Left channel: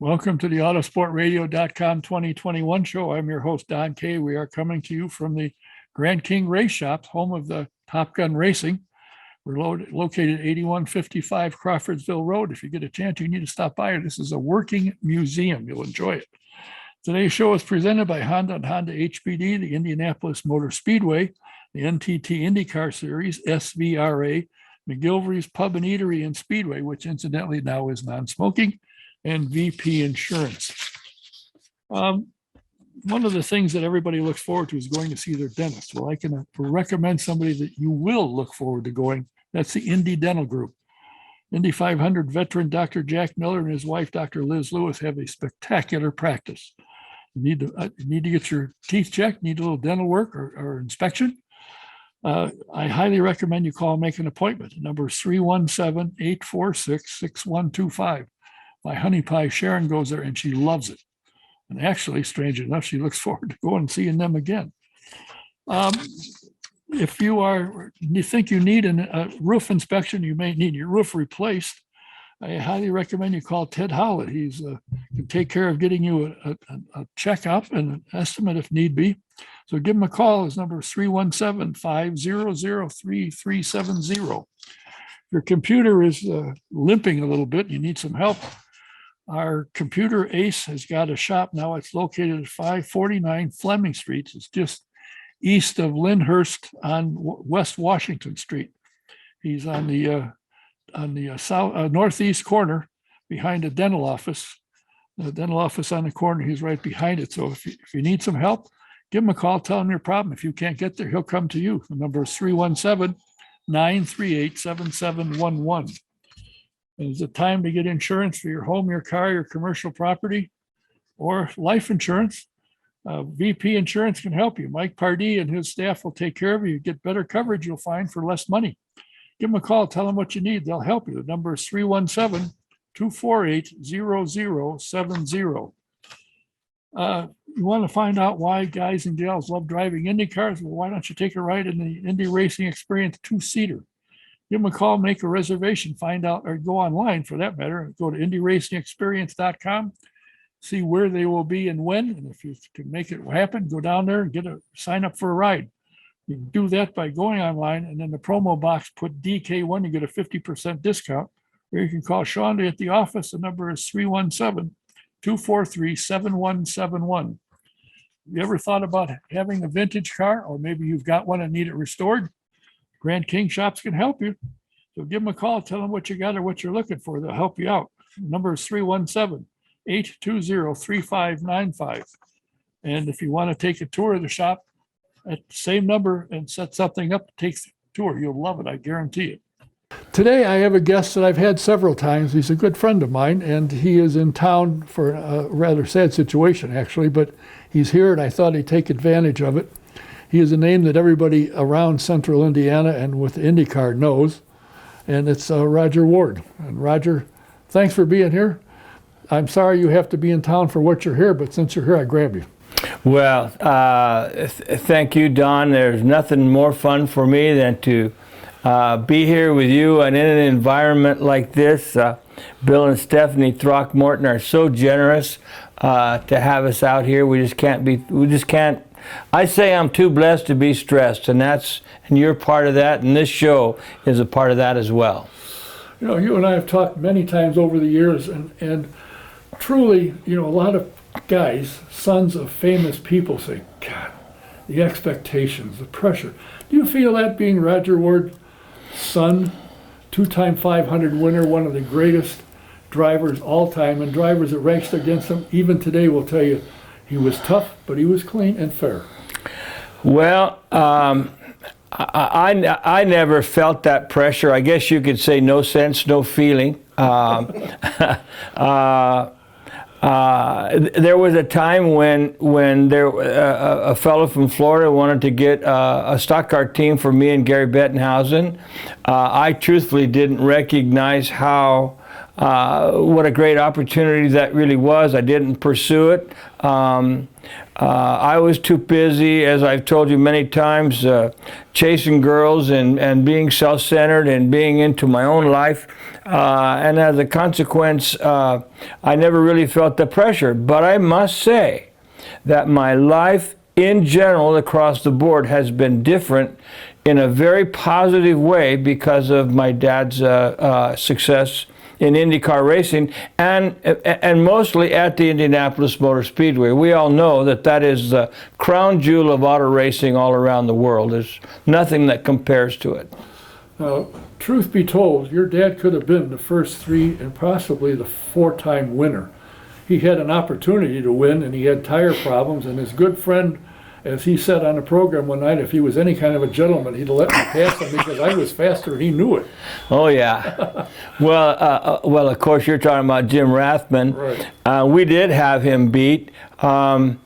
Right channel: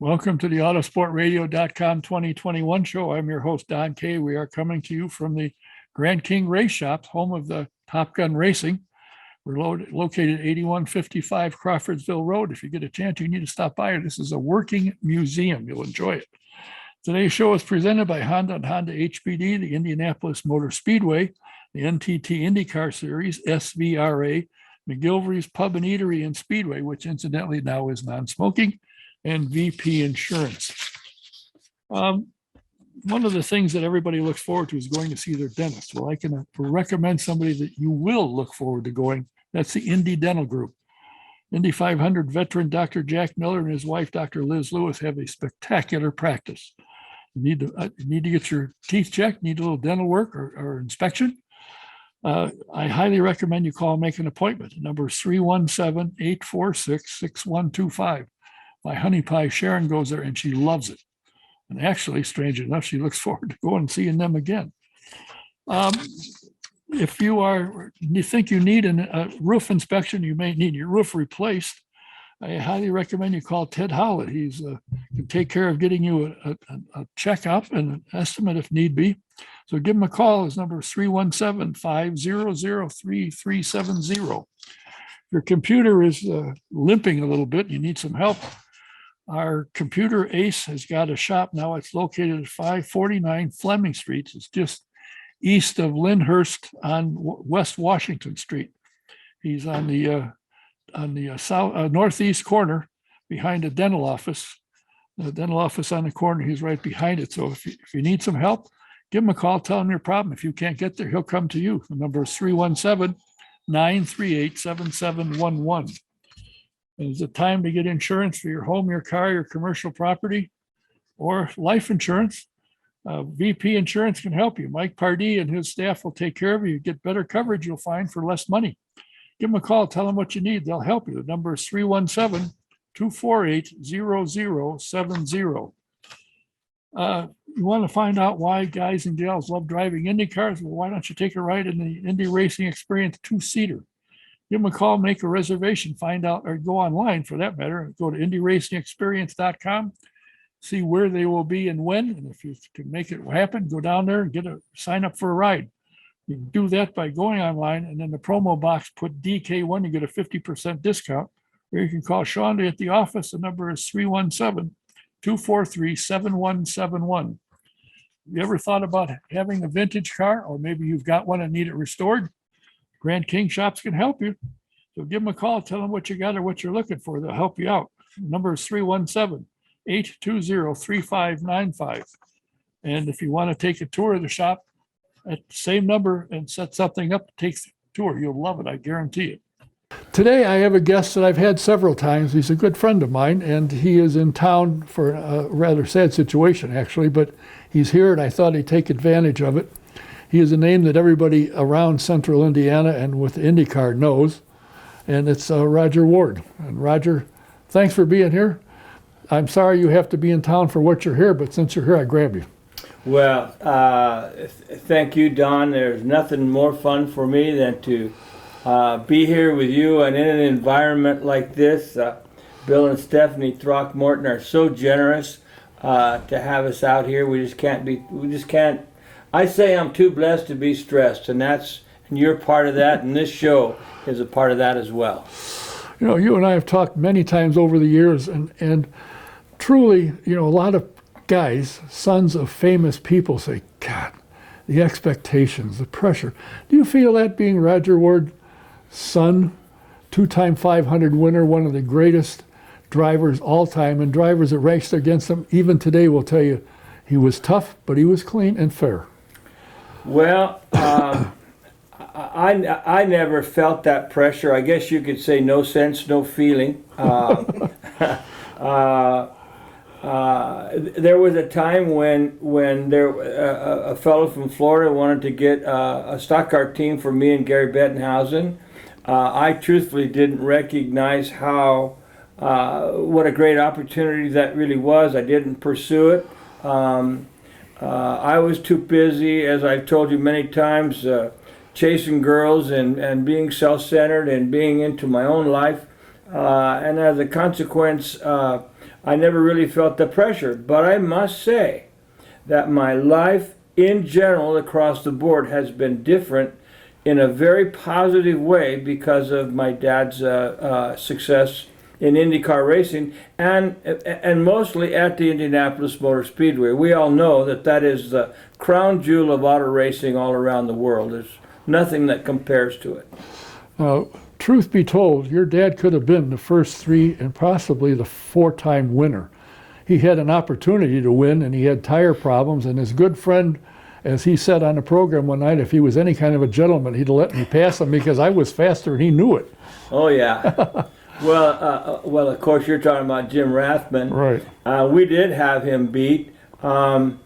Welcome to the AutoSportRadio.com 2021 show. I'm your host, Don Kay. We are coming to you from the Grand King Race Shop, home of the Top Gun Racing. We're located at 8155 Crawfordsville Road. If you get a chance, you need to stop by. This is a working museum. You'll enjoy it. Today's show is presented by Honda and Honda HPD, the Indianapolis Motor Speedway, the NTT IndyCar Series, SVRA, McGilvery's Pub and Eatery and Speedway, which incidentally now is non-smoking, and VP Insurance. One of the things that everybody looks forward to is going to see their dentist. Well, I can recommend somebody that you will look forward to going. That's the Indy Dental Group. Indy 500 veteran Dr. Jack Miller and his wife, Dr. Liz Lewis, have a spectacular practice. You need to get your teeth checked, need a little dental work or inspection. I highly recommend you call and make an appointment. The number is 317-846-6125. My honey pie Sharon goes there and she loves it. And actually, strange enough, she looks forward to going and seeing them again. If you think you need a roof inspection, you may need your roof replaced, I highly recommend you call Ted Howlett. He's can take care of getting you a checkup and an estimate if need be. So give him a call. His number is 317-500-3370. Your computer is limping a little bit. You need some help. Our computer ace has got a shop now. It's located at 549 Fleming Street. It's just east of Lyndhurst on West Washington Street. He's on the northeast corner behind the dental office. The dental office on the corner, he's right behind it. So if you need some help, give him a call, tell him your problem. If you can't get there, he'll come to you. The number is 317-938-7711. Is it time to get insurance for your home, your car, your commercial property, or life insurance? VP Insurance can help you. Mike Pardee and his staff will take care of you. You get better coverage, you'll find, for less money. Give them a call, tell them what you need. They'll help you. The number is 317-248-0070. You want to find out why guys and gals love driving Indy cars? Well, why don't you take a ride in the Indy Racing Experience two-seater? Give them a call, make a reservation, find out, or go online for that matter. Go to IndyRacingExperience.com, see where they will be and when. And if you can make it happen, go down there and sign up for a ride. You can do that by going online, and in the promo box, put DK1, you get a 50% discount. Or you can call Shonda at the office. The number is 317-243-7171. You ever thought about having a vintage car, or maybe you've got one and need it restored? Grand King Shops can help you. So give them a call, tell them what you got or what you're looking for. They'll help you out. The number is 317-820-3595. And if you want to take a tour of the shop at the same number and set something up, take the tour. You'll love it, I guarantee it. Today I have a guest that I've had several times. He's a good friend of mine, and he is in town for a rather sad situation, actually, but he's here and I thought he'd take advantage of it. He is a name that everybody around central Indiana and with IndyCar knows, and it's Rodger Ward. And Rodger, thanks for being here. I'm sorry you have to be in town for what you're here, but since you're here, I grab you. Well, thank you, Don. There's nothing more fun for me than to be here with you and in an environment like this. Bill and Stephanie Throckmorton are so generous to have us out here. We just can't. I say I'm too blessed to be stressed, and you're part of that, and this show is a part of that as well. You know, you and I have talked many times over the years, and truly, you know, a lot of guys, sons of famous people, say, God, the expectations, the pressure. Do you feel that, being Rodger Ward's son, two-time 500 winner, one of the greatest drivers all time, and drivers that raced against him, even today will tell you, he was tough, but he was clean and fair. Well, I never felt that pressure. I guess you could say no sense, no feeling. There was a time when a fellow from Florida wanted to get a stock car team for me and Gary Bettenhausen. I truthfully didn't recognize what a great opportunity that really was. I didn't pursue it. I was too busy, as I've told you many times, chasing girls and being self-centered and being into my own life. and as a consequence, I never really felt the pressure. But I must say that my life in general across the board has been different in a very positive way because of my dad's success in IndyCar racing and mostly at the Indianapolis Motor Speedway. We all know that that is the crown jewel of auto racing all around the world. There's nothing that compares to it. Truth be told, your dad could have been the first 3 and possibly the 4-time winner. He had an opportunity to win, and he had tire problems, and his good friend, as he said on the program one night, if he was any kind of a gentleman, he'd let me pass him because I was faster and he knew it. Oh, yeah. Well, of course, you're talking about Jim Rathman. Right. We did have him beat. You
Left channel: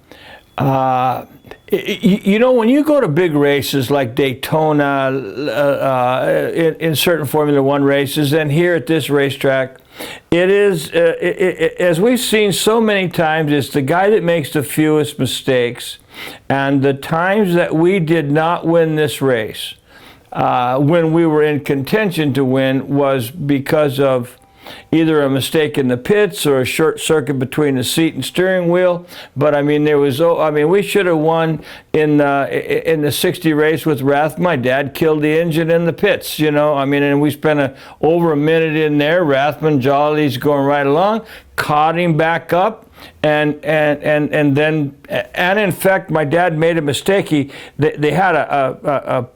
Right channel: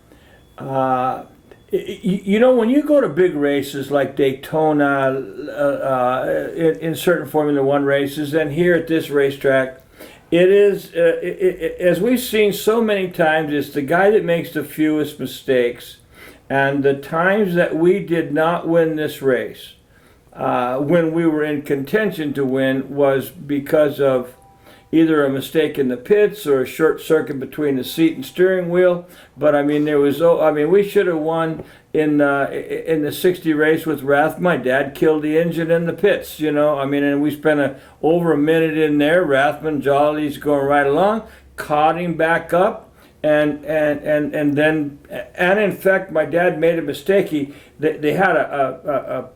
know, when you go to big races like Daytona, in certain Formula One races, and here at this racetrack, it is, as we've seen so many times, it's the guy that makes the fewest mistakes. And the times that we did not win this race, when we were in contention to win, was because of either a mistake in the pits or a short circuit between the seat and steering wheel. But I mean, we should have won in the 60 race with Rath. My dad killed the engine in the pits, you know. I mean, and we spent over a minute in there. Rathman, Jolly's going right along, caught him back up. And then in fact, my dad made a mistake. They had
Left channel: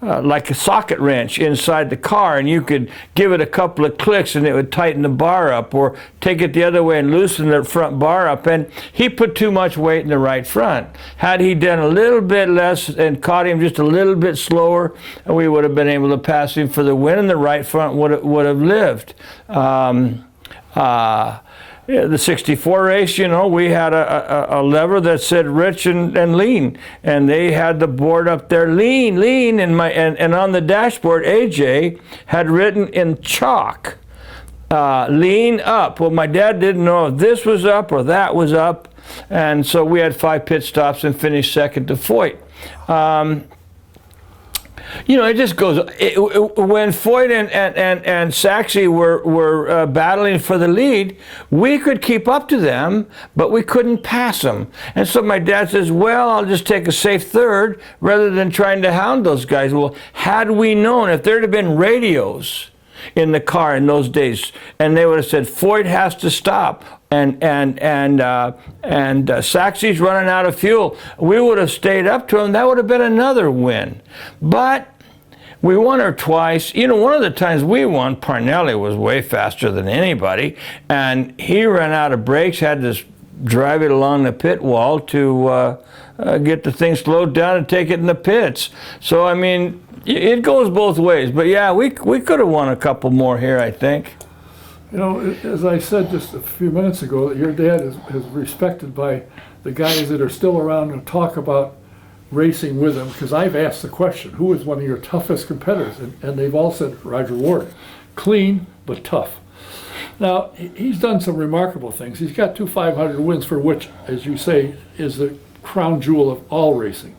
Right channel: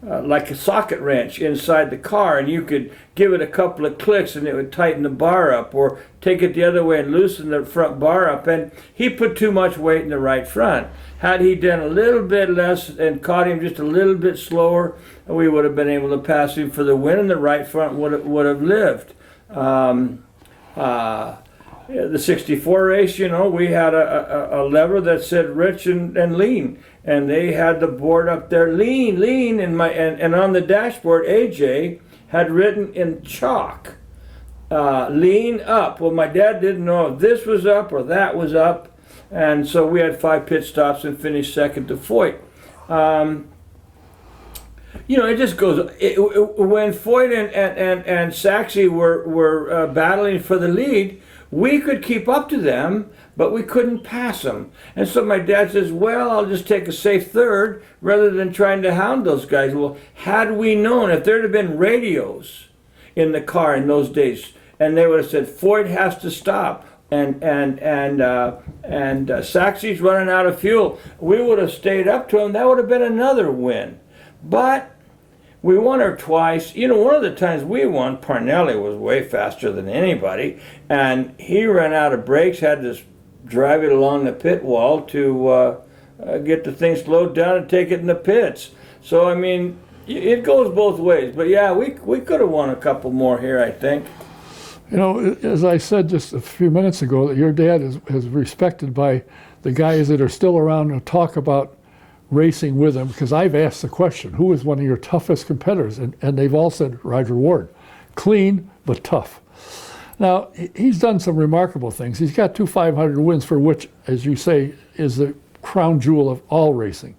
like a socket wrench inside the car, and you could give it a couple of clicks and it would tighten the bar up, or take it the other way and loosen the front bar up. And he put too much weight in the right front. Had he done a little bit less and caught him just a little bit slower, we would have been able to pass him for the win, and the right front would have lived. The 64 race, you know, we had a lever that said rich and lean, and they had the board up there, lean, and on the dashboard, AJ had written in chalk, lean up. Well, my dad didn't know if this was up or that was up, and so we had 5 pit stops and finished second to Foyt. You know, it just goes. When Foyt and Saxey were battling for the lead, we could keep up to them, but we couldn't pass them. And so my dad says, well, I'll just take a safe third rather than trying to hound those guys. Well, had we known, if there'd have been radios in the car in those days, and they would have said, Foyt has to stop, and Saxey's running out of fuel, we would have stayed up to him. That would have been another win. But we won her twice. You know, one of the times we won, Parnelli was way faster than anybody, and he ran out of brakes, had to drive it along the pit wall to get the thing slowed down and take it in the pits. So, I mean, it goes both ways. But yeah, we could have won a couple more here, I think. You know, as I said just a few minutes ago, that your dad is respected by the guys that are still around to talk about racing with him, because I've asked the question, who is one of your toughest competitors? And they've all said Rodger Ward. Clean, but tough. Now, he's done some remarkable things. He's got 2 500 wins, for which, as you say, is the crown jewel of all racing.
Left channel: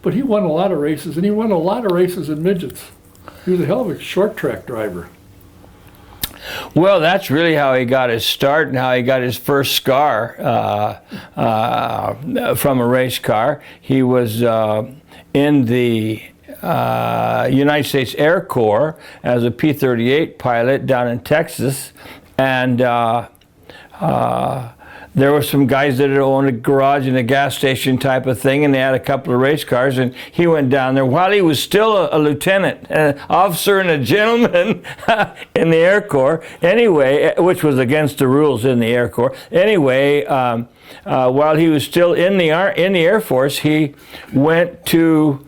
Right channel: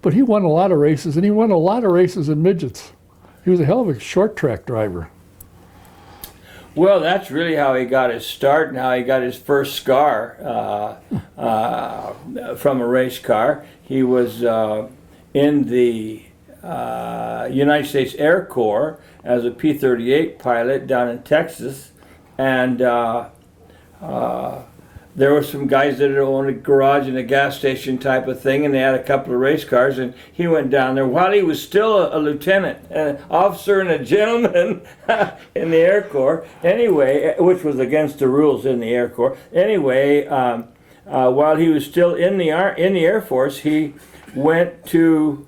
But he won a lot of races, and he won a lot of races in midgets. He was a hell of a short track driver. Well, that's really how he got his start and how he got his first scar from a race car. He was in the United States Air Corps as a P-38 pilot down in Texas, and there were some guys that had owned a garage and a gas station type of thing, and they had a couple of race cars, and he went down there while he was still a lieutenant, an officer and a gentleman in the Air Corps, anyway, which was against the rules in the Air Corps. Anyway, while he was still in the Air Force, he went to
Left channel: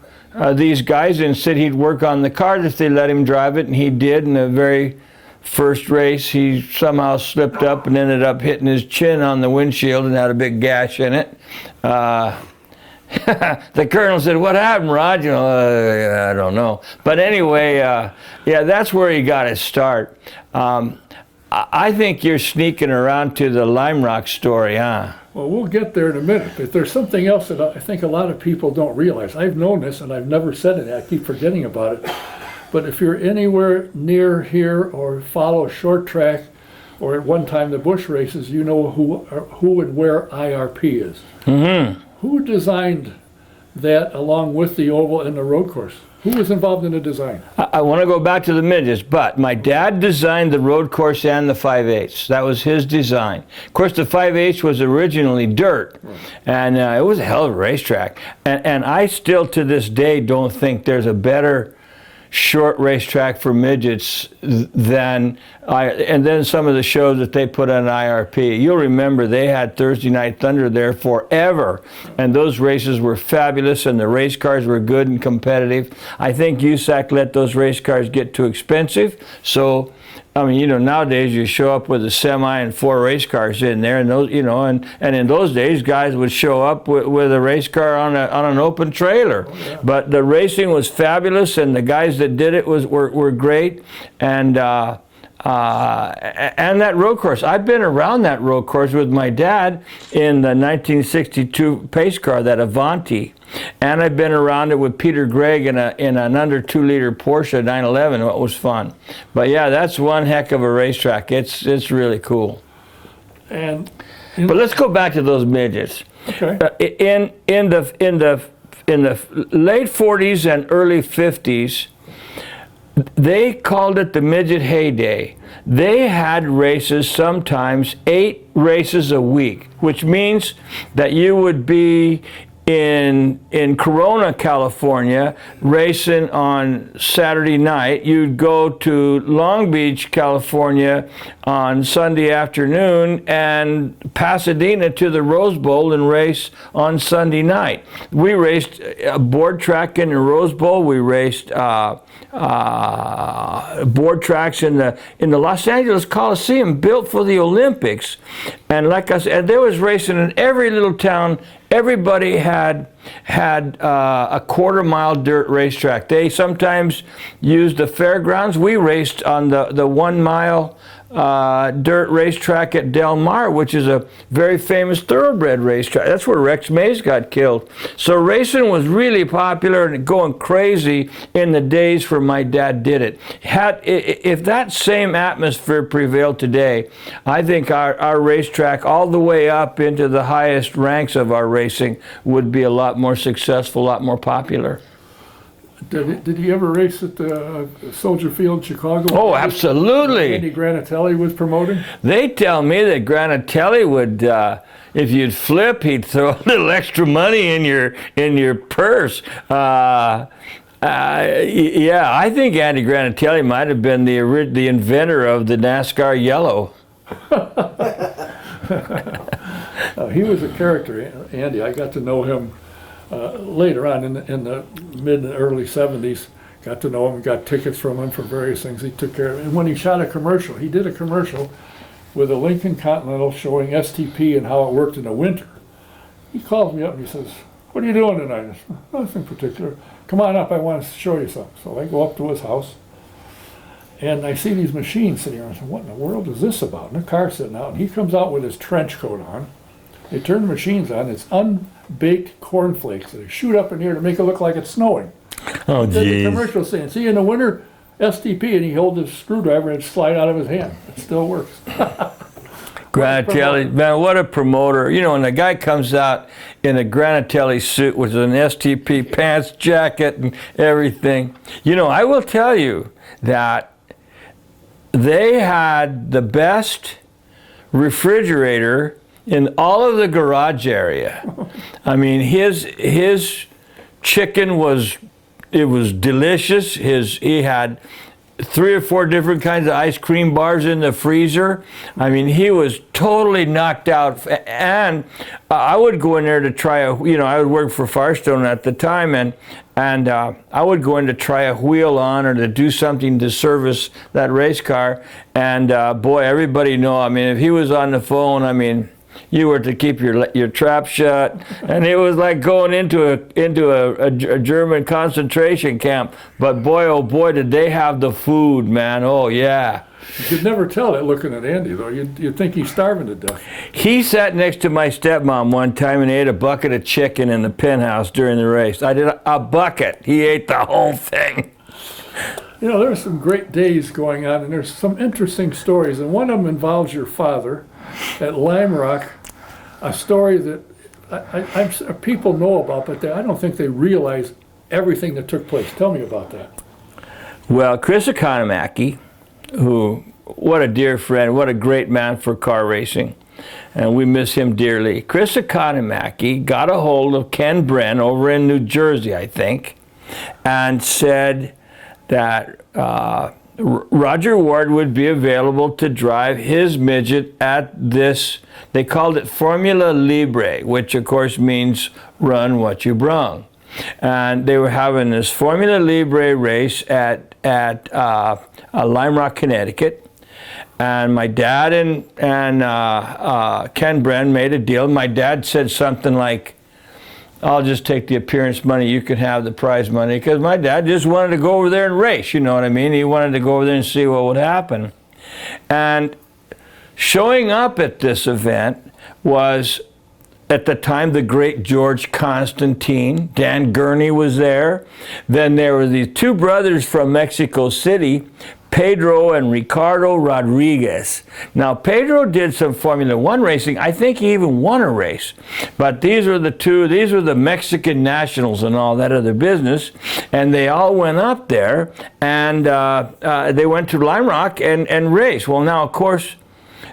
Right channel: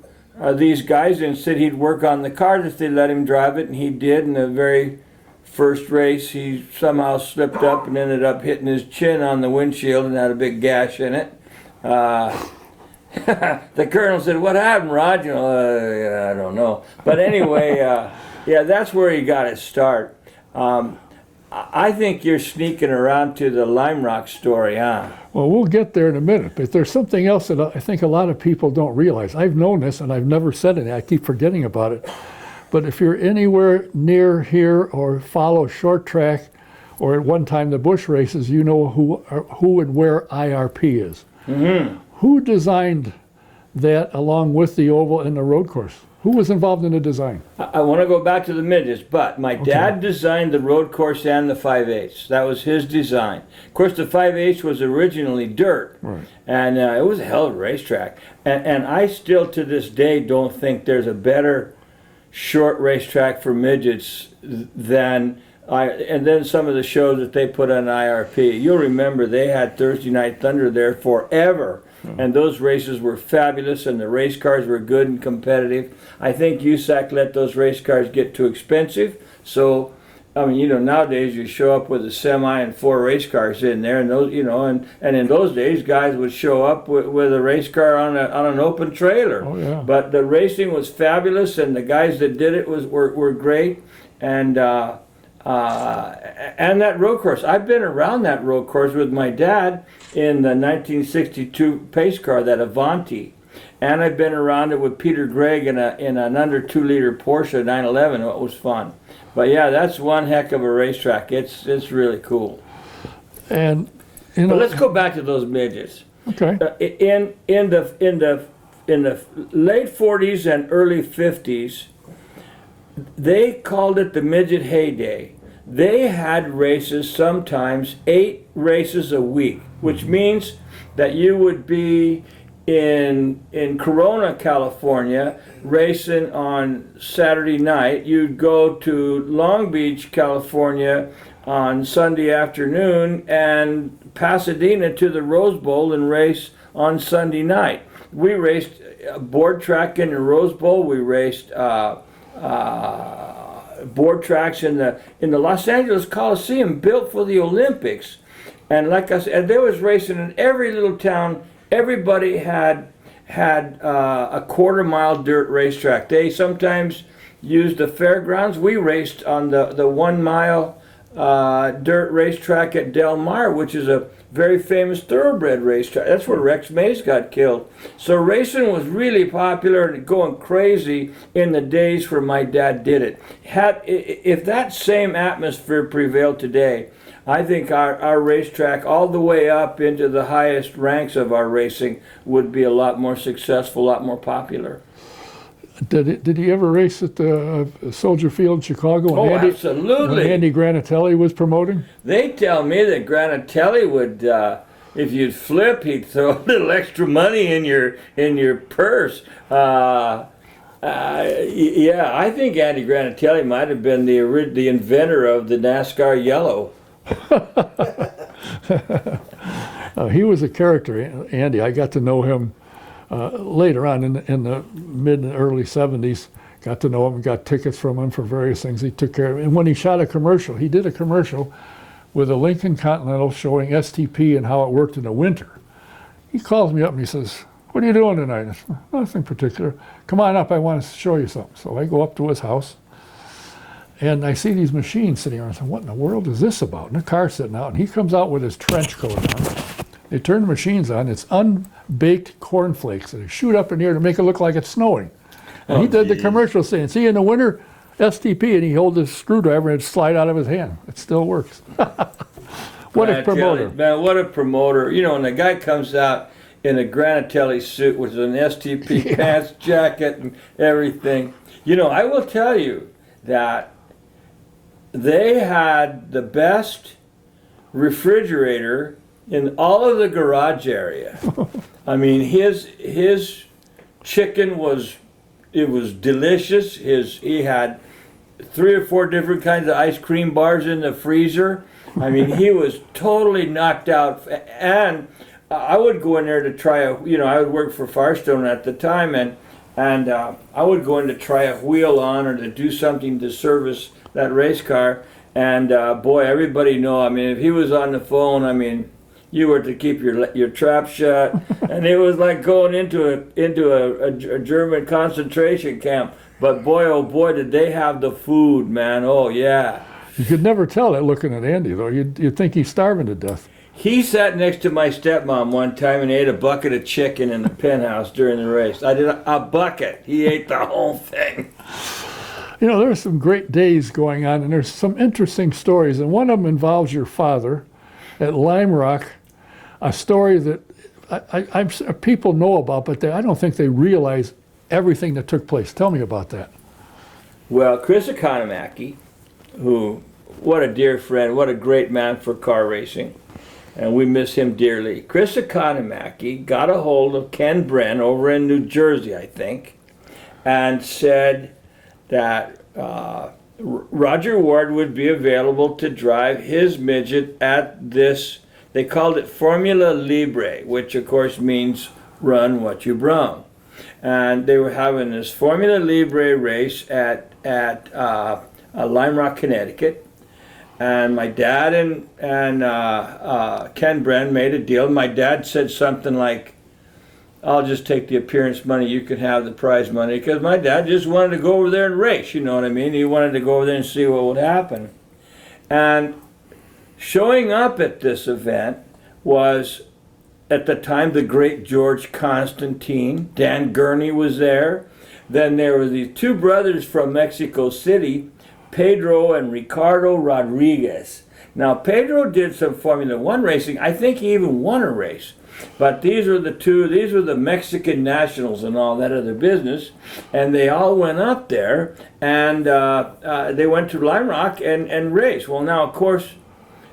these guys and said he'd work on the car if they let him drive it, and he did. In the very first race, he somehow slipped up and ended up hitting his chin on the windshield and had a big gash in it. The colonel said, "What happened, Rod?" You know, I don't know. But anyway, yeah, that's where he got his start. I think you're sneaking around to the Lime Rock story, huh? Well, we'll get there in a minute, but there's something else that I think a lot of people don't realize. I've known this, and I've never said it. I keep forgetting about it. But if you're anywhere near here or follow short track, or at one time the Busch races, you know who and where IRP is. Mm-hmm. Who designed that along with the oval and the road course? Who was involved in the design? I want to go back to the midgets, but my dad designed the road course and the 5/8. That was his design. Of course, the 5/8 was originally dirt, Right. and it was a hell of a racetrack. And I still, to this day, don't think there's a better short racetrack for midgets than and then some of the shows that they put on IRP. You'll remember they had Thursday Night Thunder there forever, and those races were fabulous, and the race cars were good and competitive. I think USAC let those race cars get too expensive, so I mean, nowadays you show up with a semi and 4 race cars in there, and those, and in those days guys would show up with a race car on an open trailer. Oh, yeah. But the racing was fabulous, and the guys that did it were great, and that road course. I've been around that road course with my dad in the 1962 pace car, that Avanti. And I've been around it with Peter Gregg in an under 2-liter Porsche 911. It was fun. But yeah, that's one heck of a racetrack. It's really cool. And But let's go back to those midgets. okay. In the late 40s and early 50s, they called it the midget heyday. They had races, sometimes 8 races a week, which means that you would be in Corona, California, racing on Saturday night. You'd go to Long Beach, California on Sunday afternoon, and Pasadena to the Rose Bowl and race on Sunday night. We raced a board track in the Rose Bowl. We raced board tracks in the Los Angeles Coliseum, built for the Olympics. And like I said, and there was racing in every little town. Everybody had a quarter-mile dirt racetrack. They sometimes used the fairgrounds. We raced on the 1-mile dirt racetrack at Del Mar, which is a very famous thoroughbred racetrack. That's where Rex Mays got killed. So racing was really popular and going crazy in the days where my dad did it. If that same atmosphere prevailed today, I think our racetrack, all the way up into the highest ranks of our racing, would be a lot more successful, a lot more popular. Did he ever race at the Soldier Field in Chicago? Oh, when absolutely. when Andy Granatelli was promoting? They tell me that Granatelli would, if you'd flip, he'd throw a little extra money in your purse. Yeah, I think Andy Granatelli might have been the inventor of the NASCAR yellow. He was a character, Andy. I got to know him later on in the mid and early 70s. Got to know him, got tickets from him for various things. He took care of it. And when he shot a commercial, he did a commercial with a Lincoln Continental showing STP and how it worked in the winter. He calls me up and he says, "What are you doing tonight?" I said, "Nothing particular. Come on up, I want to show you something." So I go up to his house and I see these machines sitting around. I said, "What in the world is this about?" And the car's sitting out, and he comes out with his trench coat on. They turn the machines on. It's unbaked cornflakes. They shoot up in the air to make it look like it's snowing. Oh, He did geez. the commercial saying, "See, in the winter, STP," and he held his screwdriver and it'd slide out of his hand. It still works. Granatelli, man, what a promoter. When the guy comes out in a Granatelli suit with an STP pants, jacket, and everything. I will tell you that they had the best refrigerator in all of the garage area. I mean, his chicken was delicious. He had 3 or 4 different kinds of ice cream bars in the freezer. I mean, he was totally knocked out. And I would go in there to try I would work for Firestone at the time, and I would go in to try a wheel on or to do something to service that race car. And boy, everybody know. I mean, if he was on the phone, I mean, you were to keep your trap shut, and it was like going into a German concentration camp. But boy, oh boy, did they have the food, man! Oh yeah. You could never tell that looking at Andy, though. You'd think he's starving to death. He sat next to my stepmom one time and ate a bucket of chicken in the penthouse during the race. I did a bucket. He ate the whole thing. You know, there's some great days going on, and there's some interesting stories, and one of them involves your father at Lime Rock, a story that people know about, but I don't think they realize everything that took place. Tell me about that. Well, Chris Economaki, who, what a dear friend, what a great man for car racing, and we miss him dearly. Chris Economaki got a hold of Ken Bren over in New Jersey, I think, and said that Rodger Ward would be available to drive his midget at this, they called it Formula Libre, which of course means run what you brung. And they were having this Formula Libre race at Lime Rock, Connecticut. And my dad and Ken Bren made a deal. My dad said something like, I'll just take the appearance money, you can have the prize money, because my dad just wanted to go over there and race, you know what I mean? He wanted to go over there and see what would happen. And showing up at this event was, at the time, the great George Constantine. Dan Gurney was there. Then there were these two brothers from Mexico City, Pedro and Ricardo Rodriguez. Now, Pedro did some Formula One racing. I think he even won a race. But these are the Mexican nationals and all that other business. And they all went up there, and they went to Lime Rock and raced. Well, now, of course,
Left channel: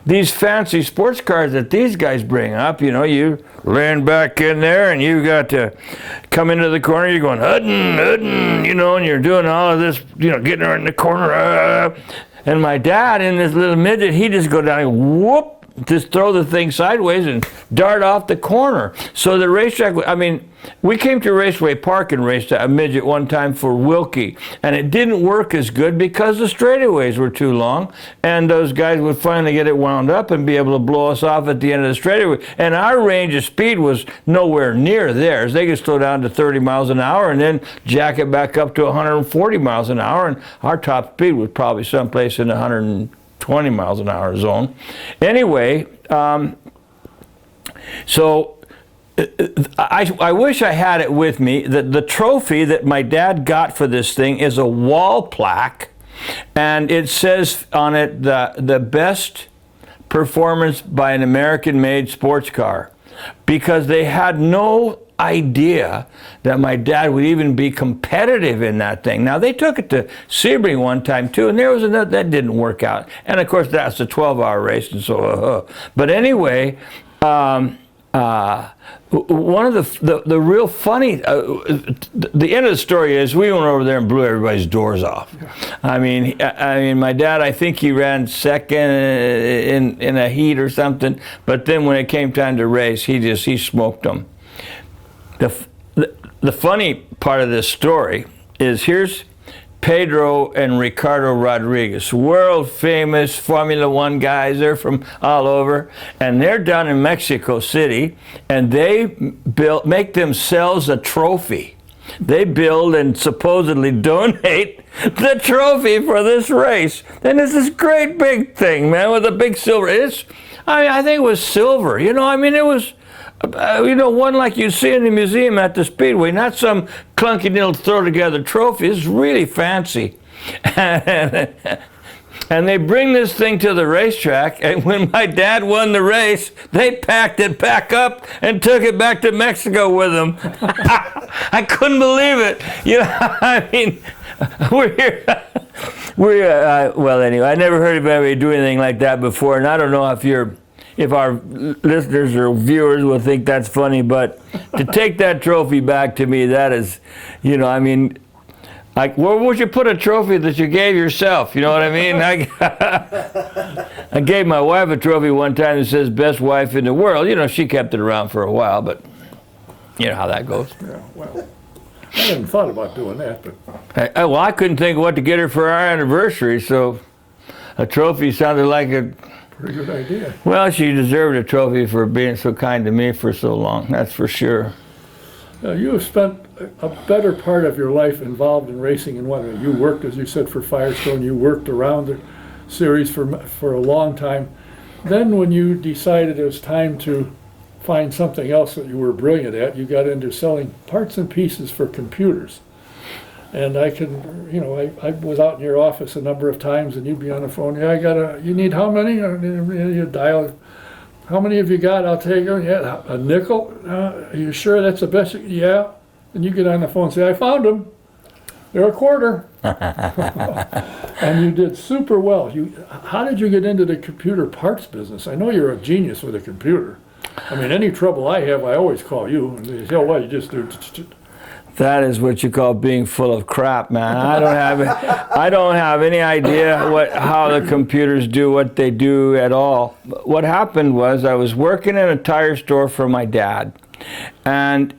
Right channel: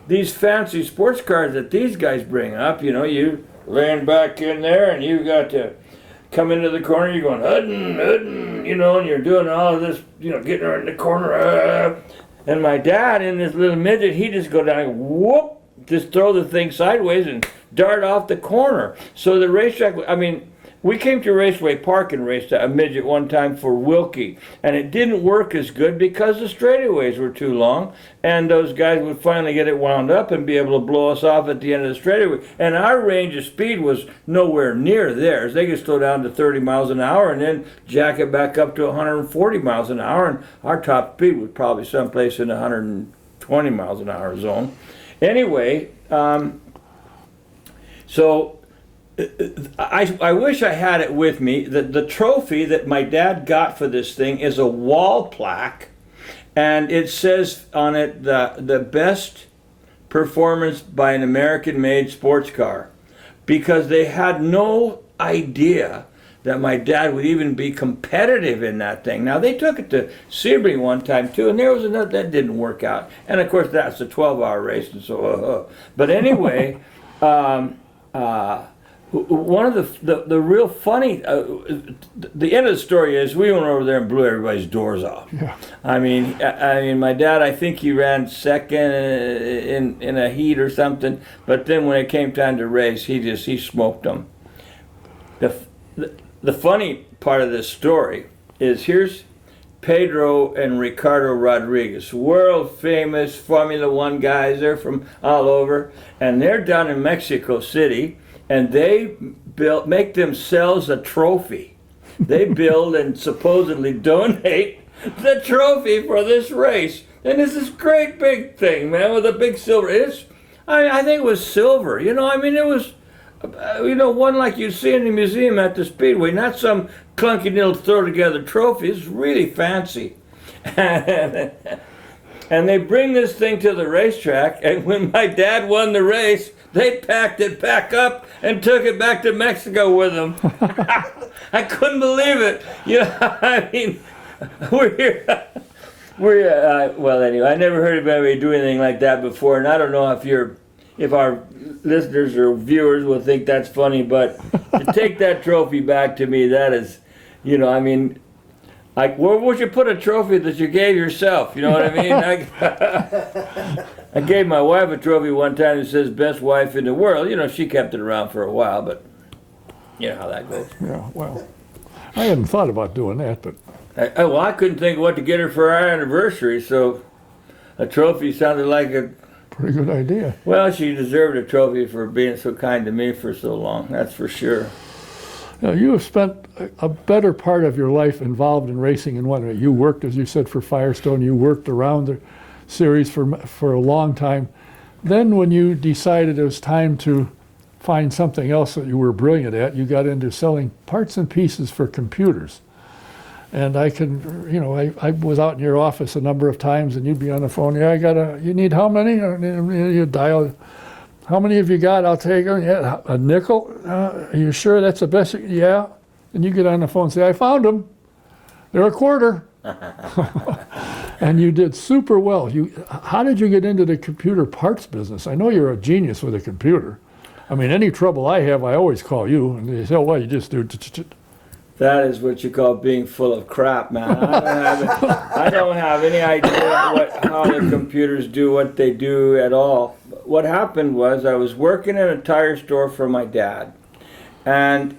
these fancy sports cars that these guys bring up, you know, you laying back in there and you got to come into the corner, you're going, Hutton, you know, and you're doing all of this, you know, getting around the corner. And my dad, in this little midget, he just go down and whoop, just throw the thing sideways and dart off the corner. So the racetrack, I mean, we came to Raceway Park and raced a midget one time for Wilkie, and it didn't work as good because the straightaways were too long, and those guys would finally get it wound up and be able to blow us off at the end of the straightaway. And our range of speed was nowhere near theirs. They could slow down to 30 miles an hour and then jack it back up to 140 miles an hour, and our top speed was probably someplace in the 120 miles an hour zone. Anyway, so I wish I had it with me. The trophy that my dad got for this thing is a wall plaque, and it says on it the best performance by an American-made sports car, because they had no idea that my dad would even be competitive in that thing. Now, they took it to Sebring one time too, and there was another that didn't work out. And of course, that's a 12-hour race, and so. But anyway, one of the real funny, the end of the story is we went over there and blew everybody's doors off. Yeah. I mean, my dad, I think he ran second in a heat or something, but then when it came time to race, he smoked them. The funny part of this story is here's Pedro and Ricardo Rodriguez, world famous Formula One guys. They're from all over, and they're down in Mexico City, and they make themselves a trophy. They build and supposedly donate the trophy for this race. And it's this great big thing, man, with a big silver. I think it was silver. You know, I mean, it was. One like you see in the museum at the Speedway, not some clunky little throw-together trophy. It's really fancy. And they bring this thing to the racetrack, and when my dad won the race, they packed it back up and took it back to Mexico with them. I couldn't believe it. You know, I mean, we're here. Well, anyway, I never heard of anybody do anything like that before, and I don't know if our listeners or viewers will think that's funny, but to take that trophy back to me, that is, you know, I mean, like, where would you put a trophy that you gave yourself? You know what I mean? I gave my wife a trophy one time that says best wife in the world. You know, she kept it around for a while, but you know how that goes. Yeah, well, I hadn't thought about doing that, but. Well, I couldn't think of what to get her for our anniversary, so a trophy sounded like a pretty good idea. Well, she deserved a trophy for being so kind to me for so long, that's for sure. Now, you have spent a better part of your life involved in racing in one. You worked, as you said, for Firestone. You worked around the series for a long time. Then when you decided it was time to find something else that you were brilliant at, you got into selling parts and pieces for computers. And I can, I was out in your office a number of times, and you'd be on the phone. Yeah, you need how many? You dial. How many have you got? I'll take them. Yeah, a nickel. Are you sure that's the best? Yeah. And you get on the phone and say, I found them. They're a quarter. And you did super well. How did you get into the computer parts business? I know you're a genius with a computer. I mean, any trouble I have, I always call you. And they say, oh, well, you just do. That is what you call being full of crap, man. I don't have any idea how the computers do what they do at all. What happened was I was working in a tire store for my dad, and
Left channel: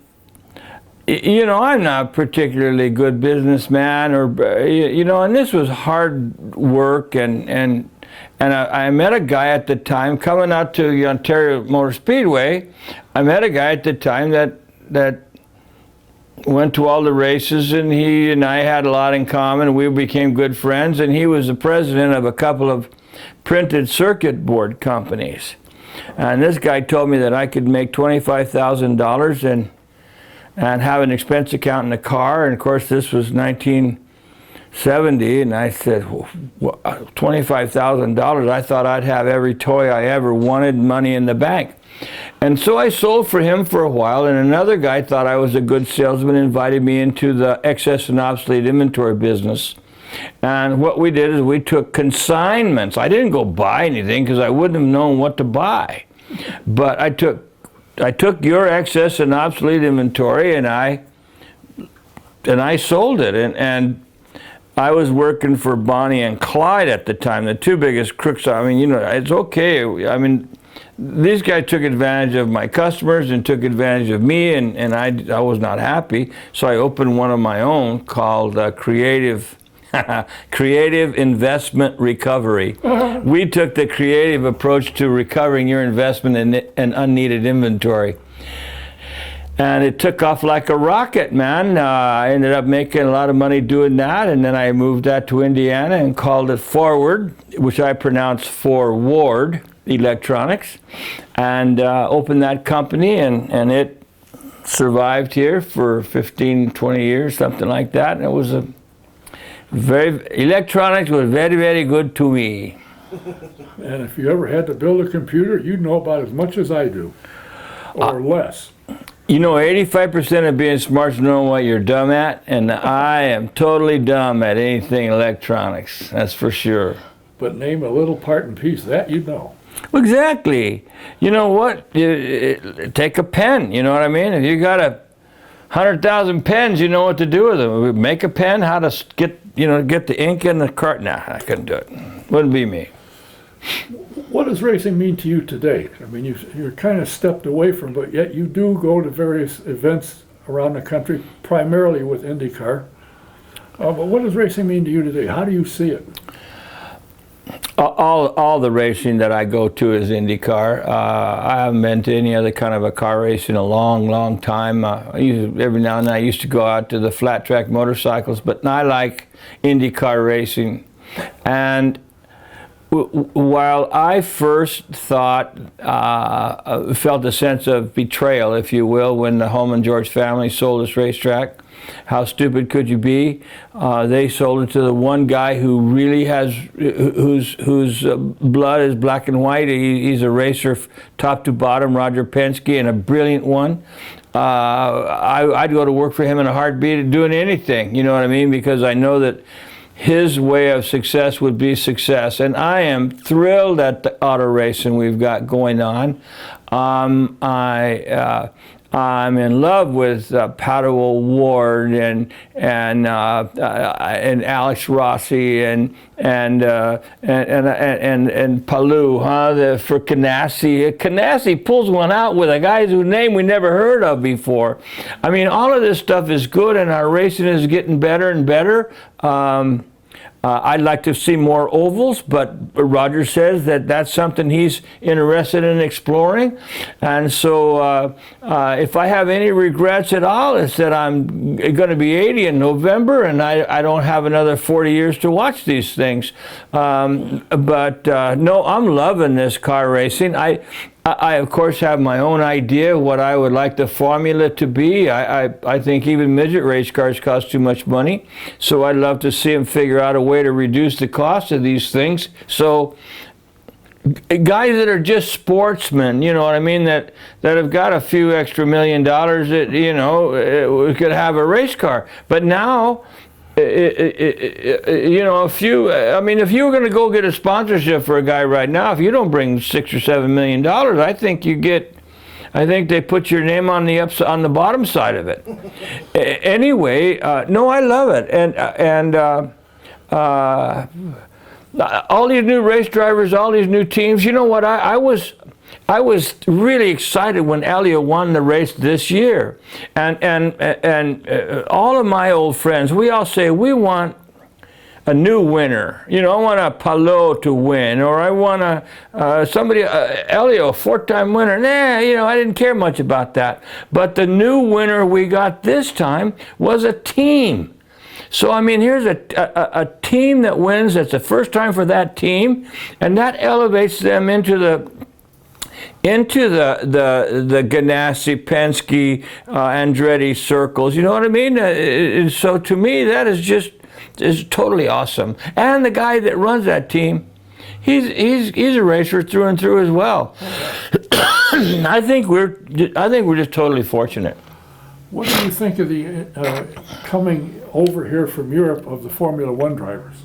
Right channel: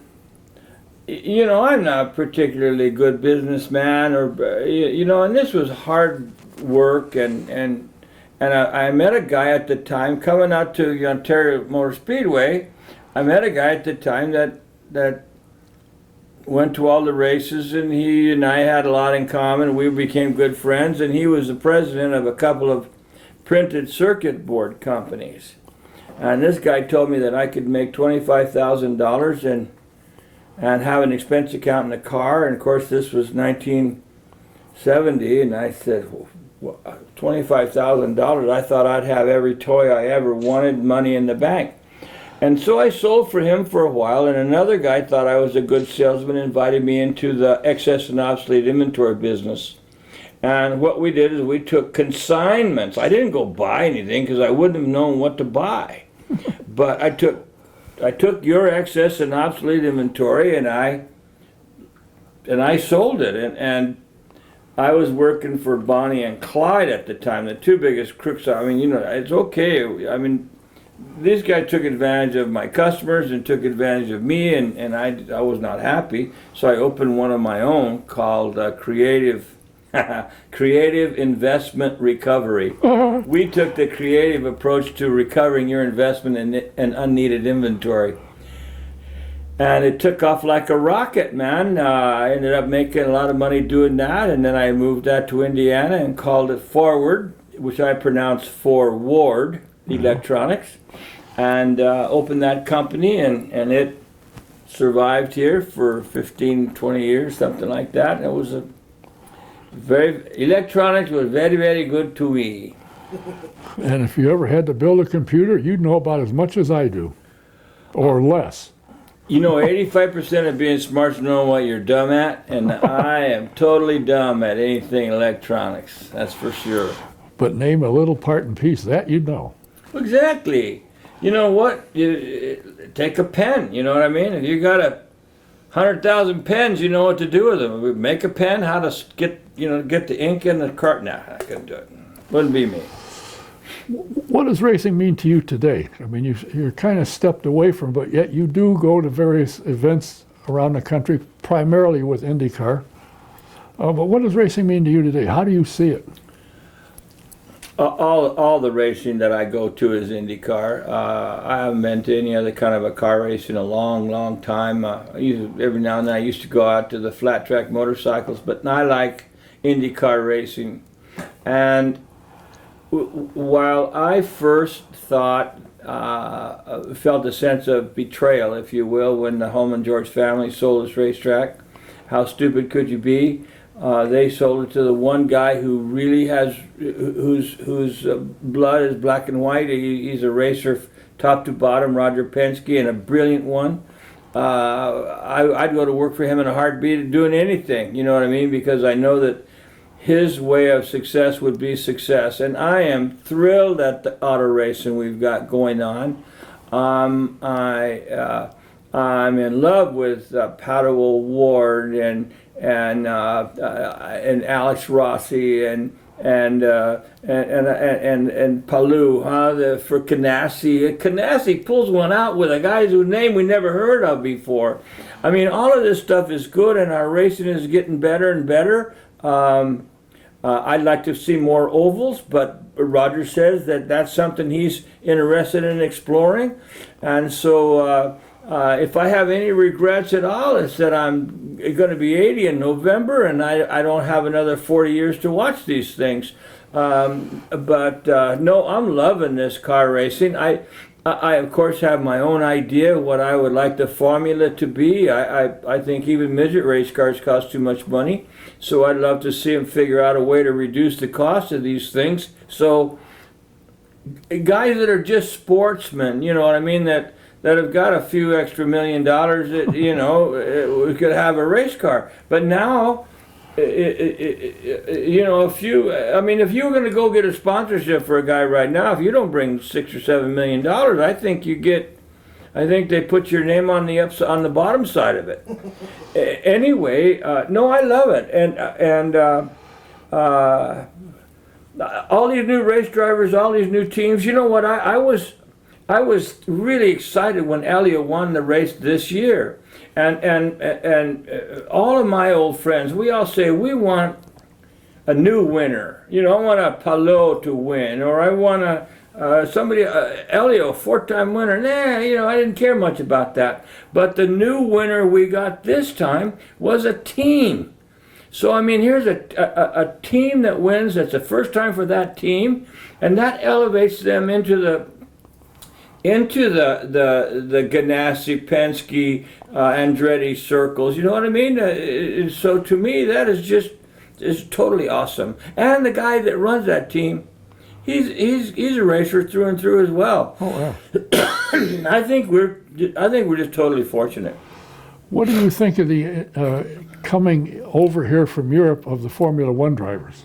I'm not a particularly good businessman, and this was hard work, and I met a guy at the time coming out to the Ontario Motor Speedway. I met a guy at the time that went to all the races, and he and I had a lot in common. We became good friends, and he was the president of a couple of printed circuit board companies. And this guy told me that I could make $25,000 and have an expense account in the car. And of course, this was 1970, and I said, $25,000. I thought I'd have every toy I ever wanted, money in the bank. And so I sold for him for a while, and another guy thought I was a good salesman, invited me into the excess and obsolete inventory business. And what we did is we took consignments. I didn't go buy anything because I wouldn't have known what to buy. But I took your excess and obsolete inventory, and I sold it. And I was working for Bonnie and Clyde at the time, the two biggest crooks. It's okay. These guys took advantage of my customers and took advantage of me, and I was not happy. So I opened one of my own called Creative Investment Recovery. We took the creative approach to recovering your investment in unneeded inventory. And it took off like a rocket, man. I ended up making a lot of money doing that, and then I moved that to Indiana and called it Forward, which I pronounced Ward Electronics, and opened that company, and it survived here for 15, 20 years, something like that. And it was electronics was very, very good to me. And if you ever had to build a computer, you'd know about as much as I do, or less. 85% of being smart is knowing what you're dumb at, and I am totally dumb at anything electronics, that's for sure. But name a little part and piece, that you know. Exactly. You know what? Take a pen, you know what I mean? If you got 100,000 pens, you know what to do with them. Make a pen, how to get the ink in the cart. Nah, I couldn't do it. Wouldn't be me. What does racing mean to you today? I mean, you're kind of stepped away from, but yet you do go to various events around the country, primarily with IndyCar. But what does racing mean to you today? How do you see it? All the racing that I go to is IndyCar. I haven't been to any other kind of a car race in a long, long time. Every now and then I used to go out to the flat track motorcycles, but I like IndyCar racing. And while I first felt a sense of betrayal, if you will, when the Holman George family sold this racetrack, how stupid could you be? They sold it to the one guy who really whose blood is black and white. He's a racer top to bottom, Rodger Penske, and a brilliant one. I'd go to work for him in a heartbeat doing anything, you know what I mean? Because I know that his way of success would be success. And I am thrilled at the auto racing we've got going on. I'm in love with Rodger Ward and Alex Rossi and Palou, for Canassi. Canassi pulls one out with a guy whose name we never heard of before. I mean, all of this stuff is good, and our racing is getting better and better. I'd like to see more ovals, but Rodger says that that's something he's interested in exploring. And so if I have any regrets at all, it's that I'm going to be 80 in November, and I don't have another 40 years to watch these things. No, I'm loving this car racing. I of course have my own idea what I would like the formula to be. I think even midget race cars cost too much money, so I'd love to see them figure out a way to reduce the cost of these things. So guys that are just sportsmen, you know what I mean, that have got a few extra $1 million, that, you know, could have a race car. But now, you know, if you were going to go get a sponsorship for a guy right now, if you don't bring $6 or $7 million, I think they put your name on the bottom side of it. Anyway, no, I love it, and all these new race drivers, all these new teams. You know what? I was really excited when Elliott won the race this year, and all of my old friends, we all say we want a new winner. You know, I want a Palou to win, or I want somebody, Elliott, a 4-time winner. Nah, you know, I didn't care much about that. But the new winner we got this time was a team. So, I mean, here's a team that wins. That's the first time for that team, and that elevates them into the Ganassi, Penske, Andretti circles. You know what I mean? So to me, that is totally awesome. And the guy that runs that team, he's a racer through and through as well. Oh, yeah. I think we're just totally fortunate. What do you think of the coming over here from Europe of the Formula One drivers?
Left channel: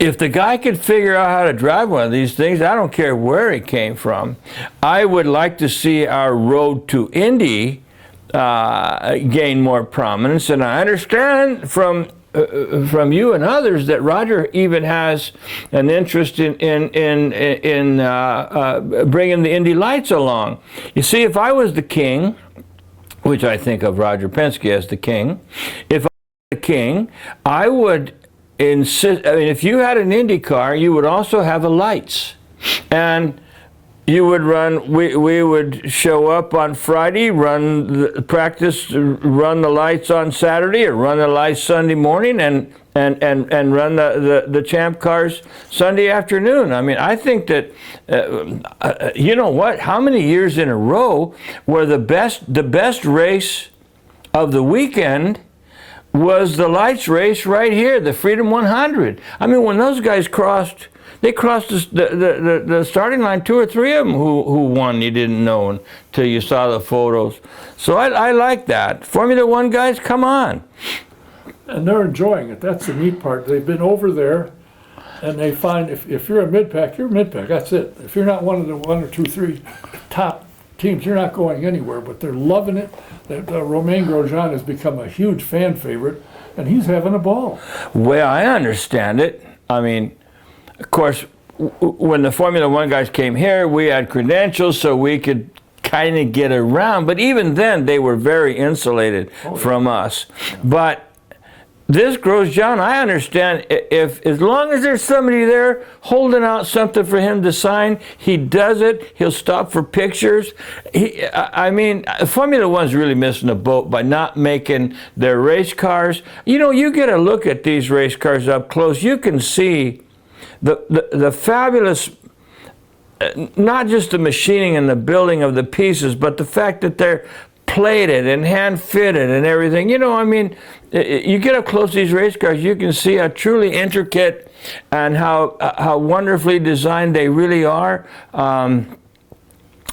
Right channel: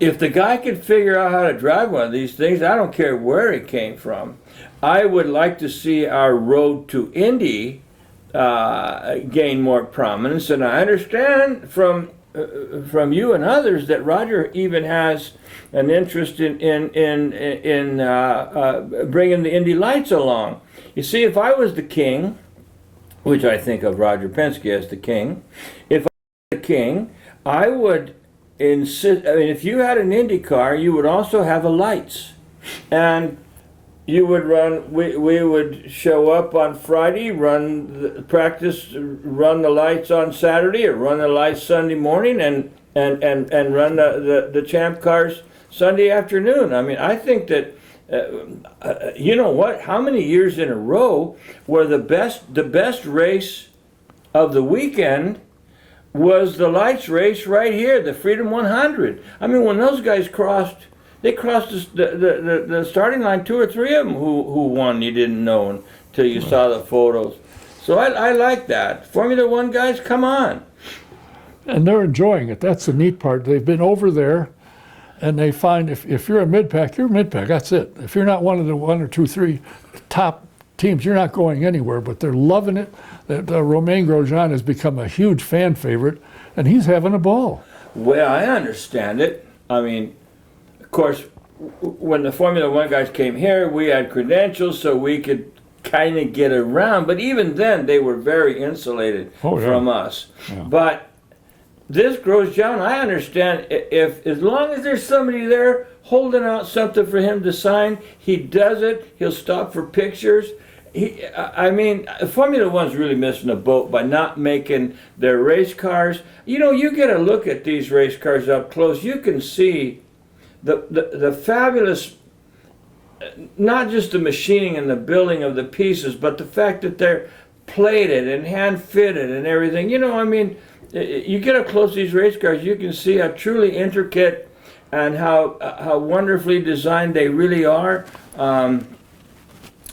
If the guy could figure out how to drive one of these things, I don't care where it came from. I would like to see our road to Indy gain more prominence, and I understand from you and others that Rodger even has an interest in bringing the Indy Lights along. You see, if I was the king, which I think of Roger Penske as the king, if I was the king, I would insist. I mean, if you had an Indy car, you would also have a lights, and you would run. We would show up on Friday, run the practice, run the lights on Saturday, or run the lights Sunday morning, and run the champ cars Sunday afternoon. I mean, I think that you know what? How many years in a row were the best race of the weekend was the lights race right here, the Freedom 100. I mean, when those guys crossed. They crossed the starting line, 2 or 3 of them who won you didn't know until you saw the photos. So I like that. Formula One guys, come on. And they're enjoying it. That's the neat part. They've been over there, and they find if you're a mid-pack, you're a mid-pack. That's it. If you're not one of the 1 or 2, 3 top teams, you're not going anywhere. But they're loving it. Romain Grosjean has become a huge fan favorite, and he's having a ball. Well, I understand it. I mean, of course, when the Formula One guys came here, we had credentials, so we could kind of get around. But even then, they were very insulated from us. Yeah. But this Grosjean, I understand, if as long as there's somebody there holding out something for him to sign, he does it. He'll stop for pictures. I mean, Formula One's really missing a boat by not making their race cars. You know, you get a look at these race cars up close, you can see the fabulous, not just the machining and the building of the pieces, but the fact that they're plated and hand fitted and everything. You know, I mean, you get up close to these race cars, you can see how truly intricate and how wonderfully designed they really are.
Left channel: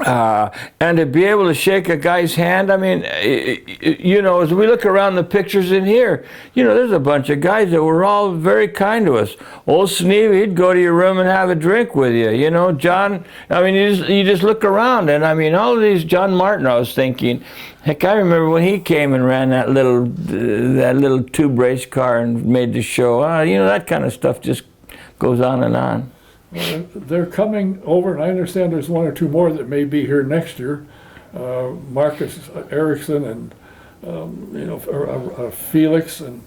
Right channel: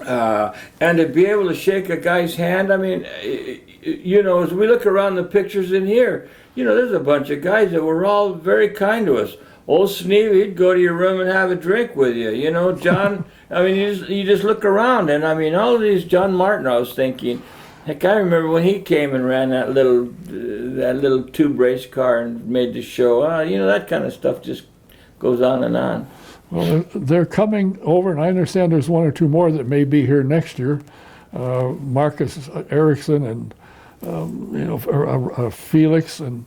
And to be able to shake a guy's hand, I mean, you know, as we look around the pictures in here, you know, there's a bunch of guys that were all very kind to us. Old Sneeve, he'd go to your room and have a drink with you. You know, John, I mean, you just look around, and I mean, all of these, John Martin, I was thinking, heck, I remember when he came and ran that little tube race car and made the show. You know, that kind of stuff just goes on and on. Well, they're coming over, and I understand there's 1 or 2 more that may be here next year. Marcus Ericsson and you know, Felix, and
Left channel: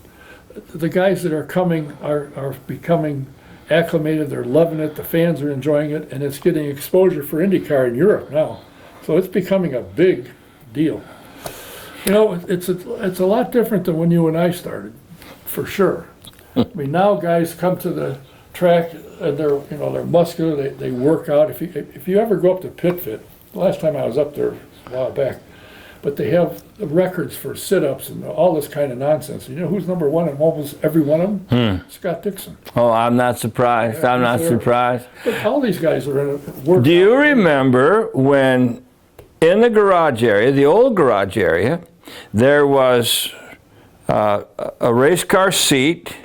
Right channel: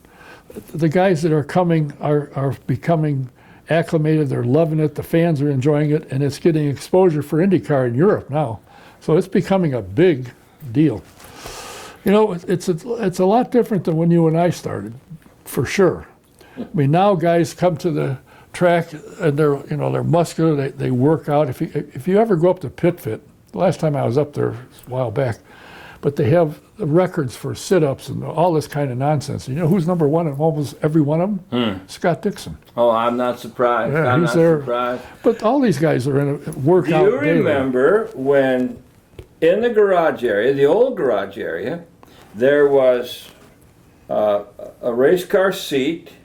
the guys that are coming are becoming acclimated. They're loving it. The fans are enjoying it, and it's getting exposure for IndyCar in Europe now. So it's becoming a big deal. You know, it's a lot different than when you and I started, for sure. I mean, now guys come to the track, and they're muscular. They work out. If you ever go up to PitFit, the last time I was up there a while back, but they have records for sit-ups and all this kind of nonsense. You know who's number one in almost every one of them? Scott Dixon. Oh, I'm not surprised. Yeah, I'm not surprised. But all these guys are in a workout. Do you remember when in the garage area, the old garage area, there was a race car seat,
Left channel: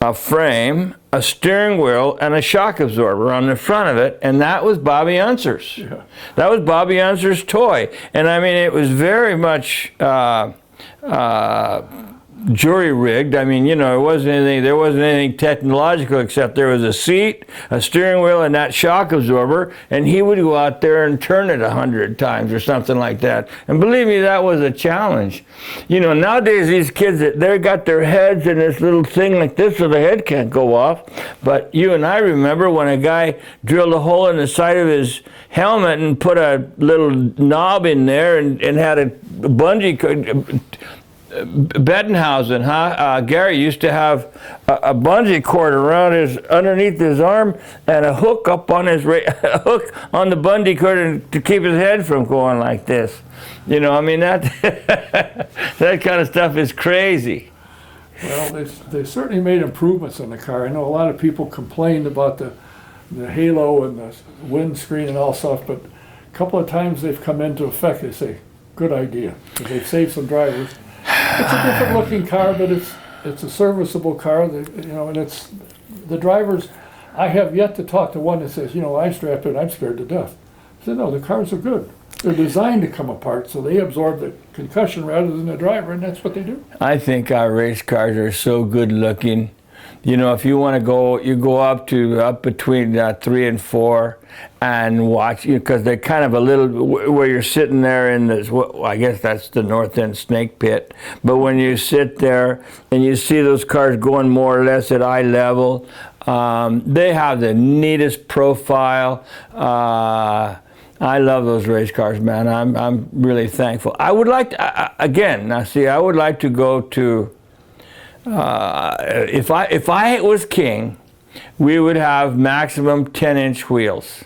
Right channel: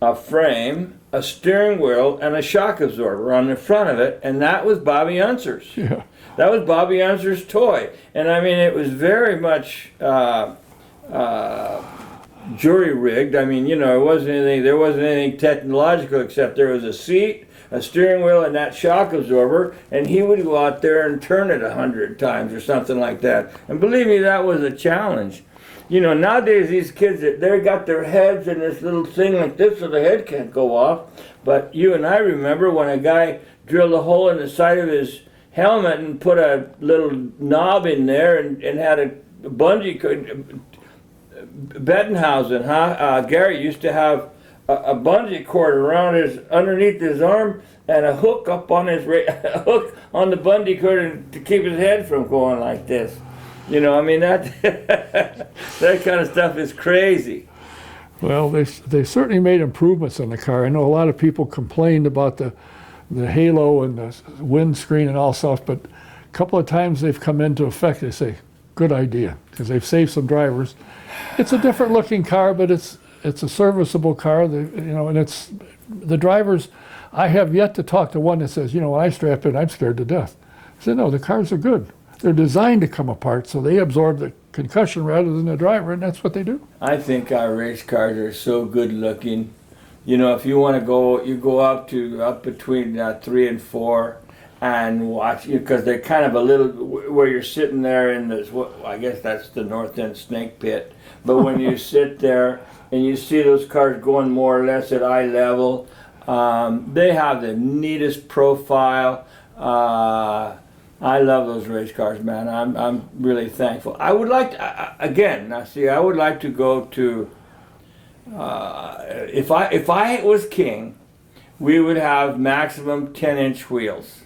a frame, a steering wheel, and a shock absorber on the front of it, and that was Bobby Unser's. Yeah. That was Bobby Unser's toy. And I mean, it was very much jury rigged. I mean, there wasn't anything technological except there was a seat, a steering wheel, and that shock absorber, and he would go out there and turn it 100 times or something like that. And believe me, that was a challenge. Nowadays these kids, they got their heads in this little thing like this so the head can't go off. But you and I remember when a guy drilled a hole in the side of his helmet and put a little knob in there and had a bungee. Bettenhausen, Gary used to have a bungee cord underneath his arm and a hook up on a hook on the bungee cord to keep his head from going like this. That that kind of stuff is crazy. Well, they certainly made improvements in the car. I know a lot of people complained about the halo and the windscreen and all stuff, but a couple of times they've come into effect. They say, good idea, because they've saved some drivers. It's a different looking car, but it's a serviceable car. And it's the drivers. I have yet to talk to one that says, when I strap in, I'm scared to death. I said, no, the cars are good. They're designed to come apart, so they absorb the concussion rather than the driver, and that's what they do. I think our race cars are so good looking. If you want to go, you go up between 3 and 4 and watch, because they're kind of a little, where you're sitting there in this, I guess that's the north end snake pit, but when you sit there and you see those cars going more or less at eye level, they have the neatest profile. I love those race cars, man. I'm really thankful. I would like to, I would like to go to, if I was king, we would have maximum 10-inch wheels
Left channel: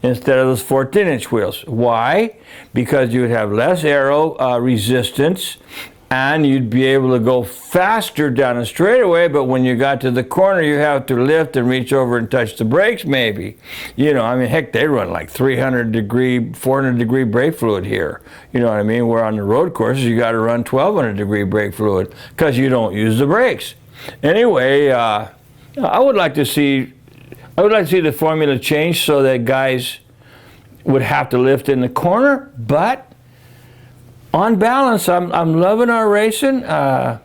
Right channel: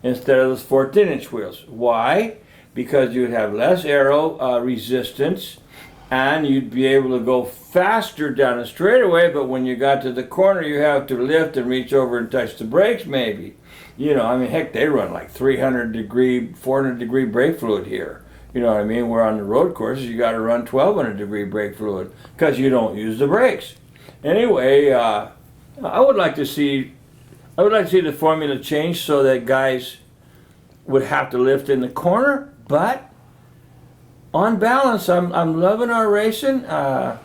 instead of those 14-inch wheels. Why? Because you would have less aero resistance, and you'd be able to go faster down a straightaway, but when you got to the corner, you have to lift and reach over and touch the brakes maybe. Heck, they run like 300-degree, 400-degree brake fluid here. You know what I mean? Where on the road courses, you got to run 1,200-degree brake fluid because you don't use the brakes. Anyway, I would like to see the formula change so that guys would have to lift in the corner, but on balance, I'm loving our racing. I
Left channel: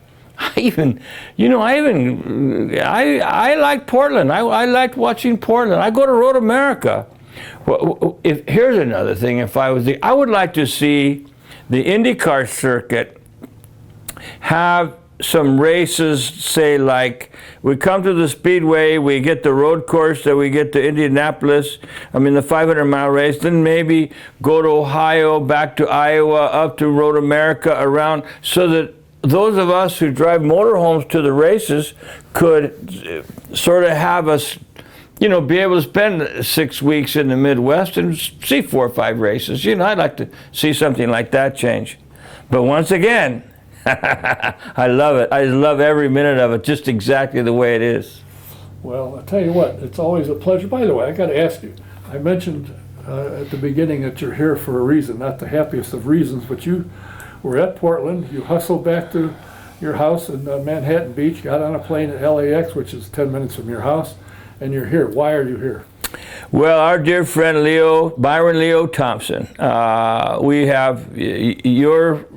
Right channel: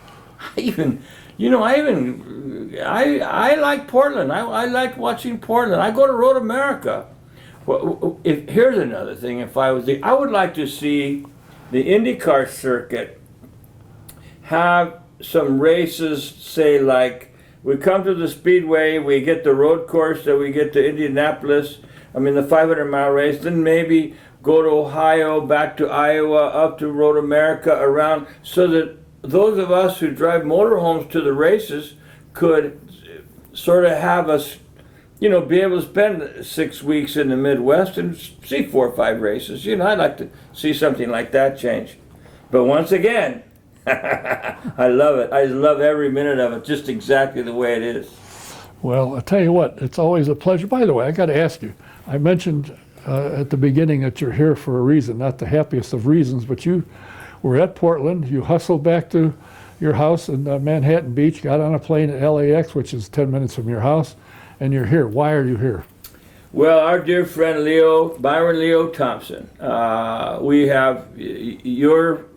like Portland. I like watching Portland. I go to Road America. Well, here's another thing. I would like to see the IndyCar circuit have some races, say like, we come to the Speedway, we get the road course, then we get to Indianapolis, the 500-mile race, then maybe go to Ohio, back to Iowa, up to Road America, around, so that those of us who drive motorhomes to the races could sort of have us, be able to spend 6 weeks in the Midwest and see 4 or 5 races. I'd like to see something like that change. But once again, I love it. I love every minute of it, just exactly the way it is. Well, I'll tell you what, it's always a pleasure. By the way, I got to ask you, I mentioned at the beginning that you're here for a reason, not the happiest of reasons, but you were at Portland, you hustled back to your house in Manhattan Beach, got on a plane at LAX, which is 10 minutes from your house, and you're here. Why are you here? Well, our dear friend Byron Leo Thompson, we have your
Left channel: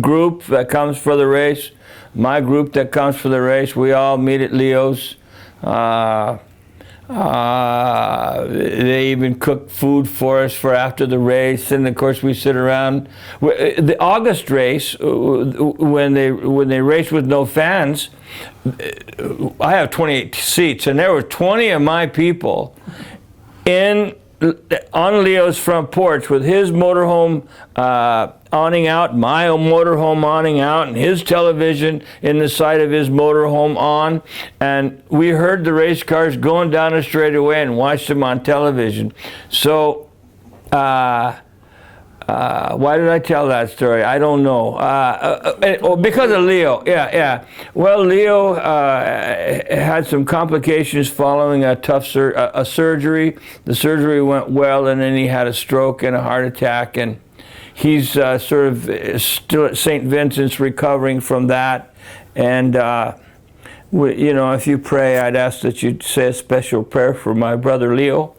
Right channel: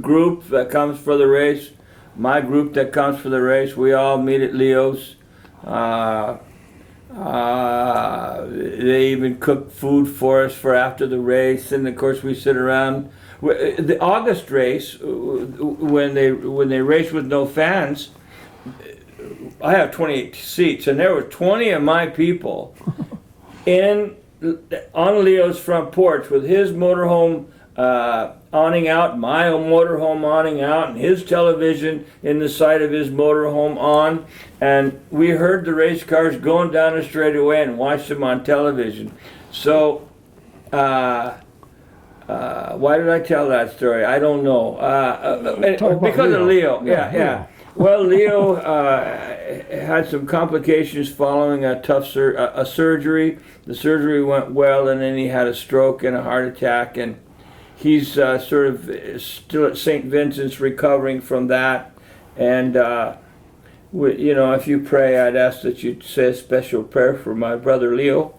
group that comes for the race, my group that comes for the race. We all meet at Leo's. They even cook food for us for after the race, and of course we sit around. The August race, when they race with no fans, I have 28 seats, and there were 20 of my people in on Leo's front porch with his motorhome awning out, my motorhome awning out, and his television in the side of his motorhome on, and we heard the race cars going down the straightaway and watched them on television. So why did I tell that story? I don't know. Because of Leo. Yeah. Well, Leo had some complications following a tough surgery. The surgery went well, and then he had a stroke and a heart attack, and he's sort of still at St. Vincent's recovering from that. And if you pray, I'd ask that you say a special prayer for my brother Leo.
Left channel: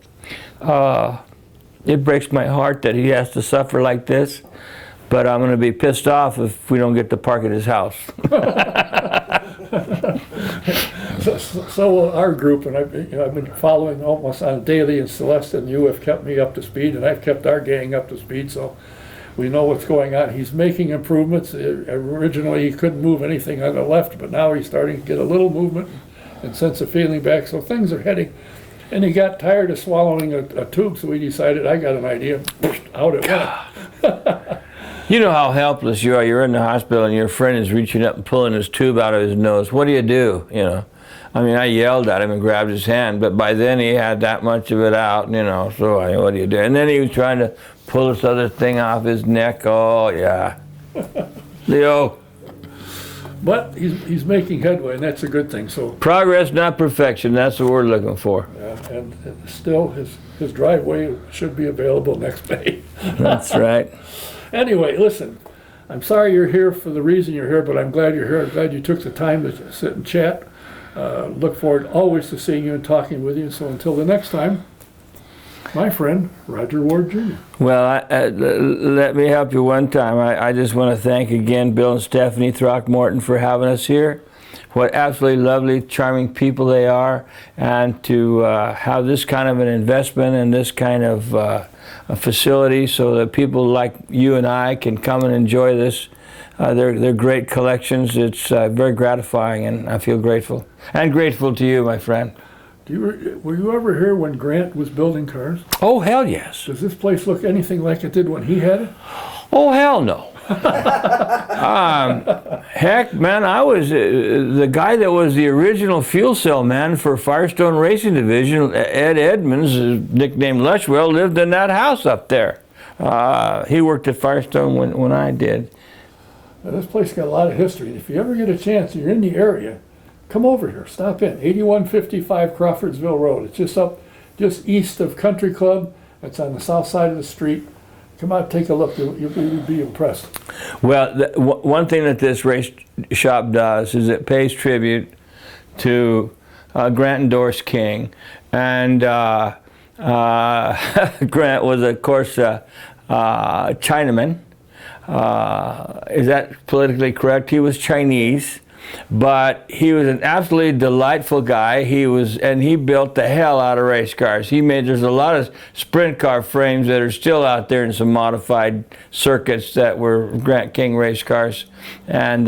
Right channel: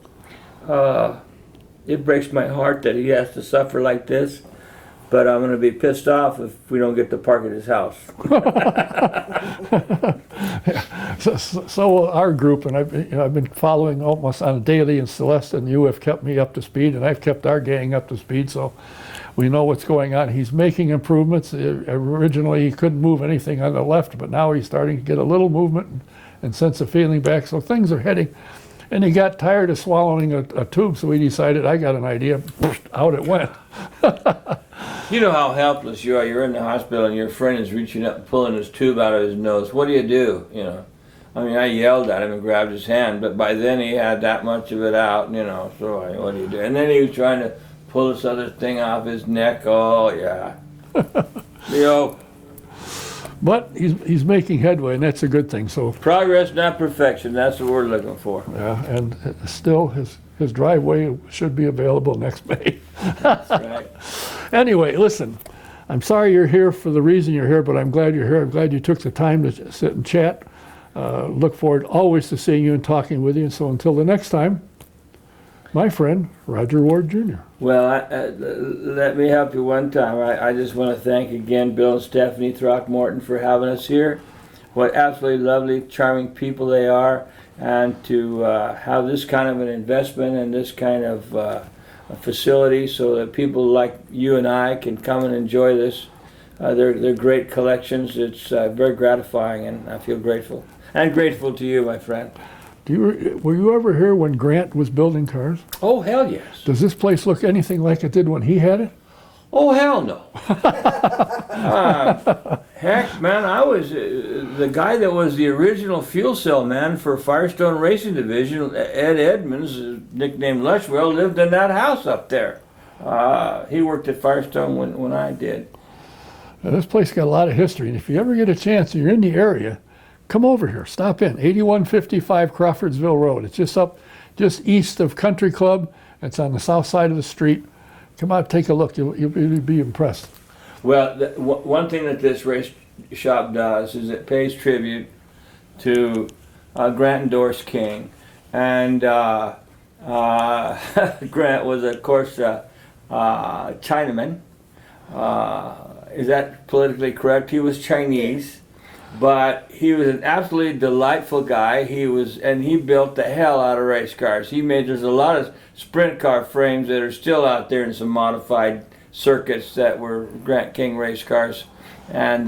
It breaks my heart that he has to suffer like this, but I'm going to be pissed off if we don't get to park at his house. So will our group, and I've been following almost on a daily, and Celeste and you have kept me up to speed, and I've kept our gang up to speed, so we know what's going on. He's making improvements. Originally, he couldn't move anything on the left, but now he's starting to get a little movement and sense of feeling back, so things are heading. And he got tired of swallowing a tube, so he decided, I got an idea. Out it went. You know how helpless you are. You're in the hospital, and your friend is reaching up and pulling his tube out of his nose. What do? I mean, I yelled at him and grabbed his hand, but by then he had that much of it out, so what do you do? And then he was trying to pull this other thing off his neck. Oh, yeah. Leo. But he's making headway, and that's a good thing. So progress, not perfection. That's the word looking for. Yeah, and still his driveway should be available next May. That's right. Anyway, listen, I'm sorry you're here for the reason you're here, but I'm glad you're here. I'm glad you took the time to sit and chat. Look forward always to seeing you and talking with you. So until the next time, my friend, Rodger Ward Jr. Well, let me help you one time. I just want to thank again Bill and Stephanie Throckmorton for having us here. What absolutely lovely, charming people they are. And to have this kind of an investment and this kind of a facility so that people like you and I can come and enjoy this. They're great collections. It's very gratifying, and I feel grateful. And grateful to you, my friend. Were you ever here when Grant was building cars? Oh, hell yes. Does this place look anything like it did when he had it? Oh, hell no. Heck, man, I was the guy that was the original fuel cell man for Firestone Racing Division. Ed Edmonds, nicknamed Lushwell, lived in that house up there. He worked at Firestone when I did. Now, this place got a lot of history, and if you ever get a chance and you're in the area, come over here, stop in, 8155 Crawfordsville Road. It's just east of Country Club. It's on the south side of the street. Come out, take a look. You'll be impressed. Well, one thing that this race shop does is it pays tribute to Grant and Doris King. And Grant was, of course, Chinaman. Is that politically correct? He was Chinese. But he was an absolutely delightful guy. He built the hell out of race cars. There's a lot of sprint car frames that are still out there in some modified circuits that were Grant King race cars. And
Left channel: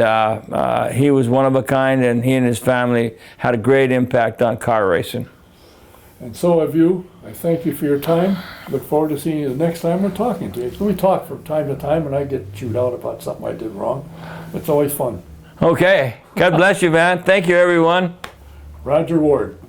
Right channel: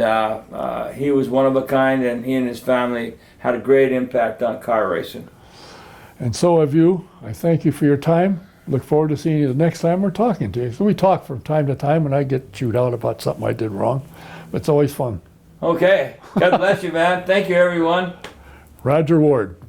he was one of a kind, and he and his family had a great impact on car racing. And so have you. I thank you for your time. Look forward to seeing you the next time we're talking to you. So we talk from time to time, and I get chewed out about something I did wrong. It's always fun. Okay. God bless you, man. Thank you, everyone. Rodger Ward.